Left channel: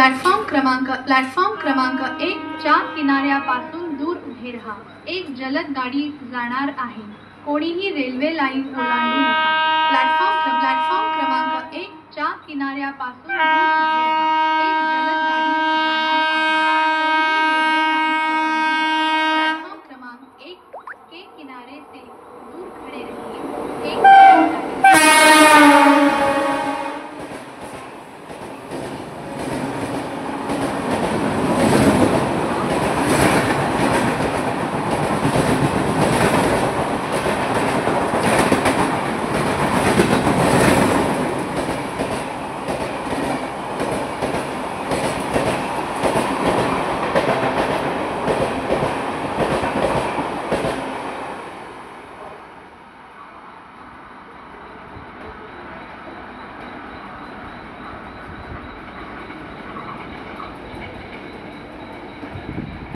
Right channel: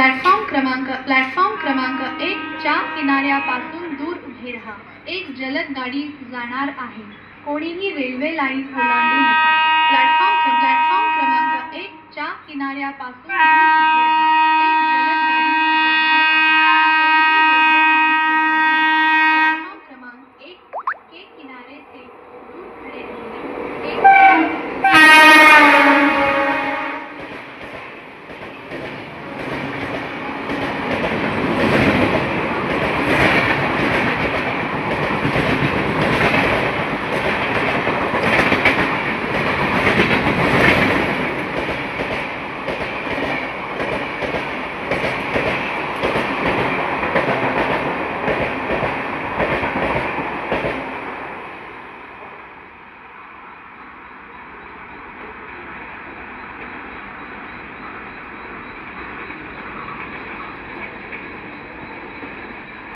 Platform क्रमांक 1 च्या किनाऱ्यापासून दूर उभे राहा. एक जलद गाडी जाणार आहे. कोणीही रेल्वे लाईन ओलांडू नका. प्लॅटफॉर्म क्रमांक 1 च्या किनाऱ्यापासून दूर उभे राहा.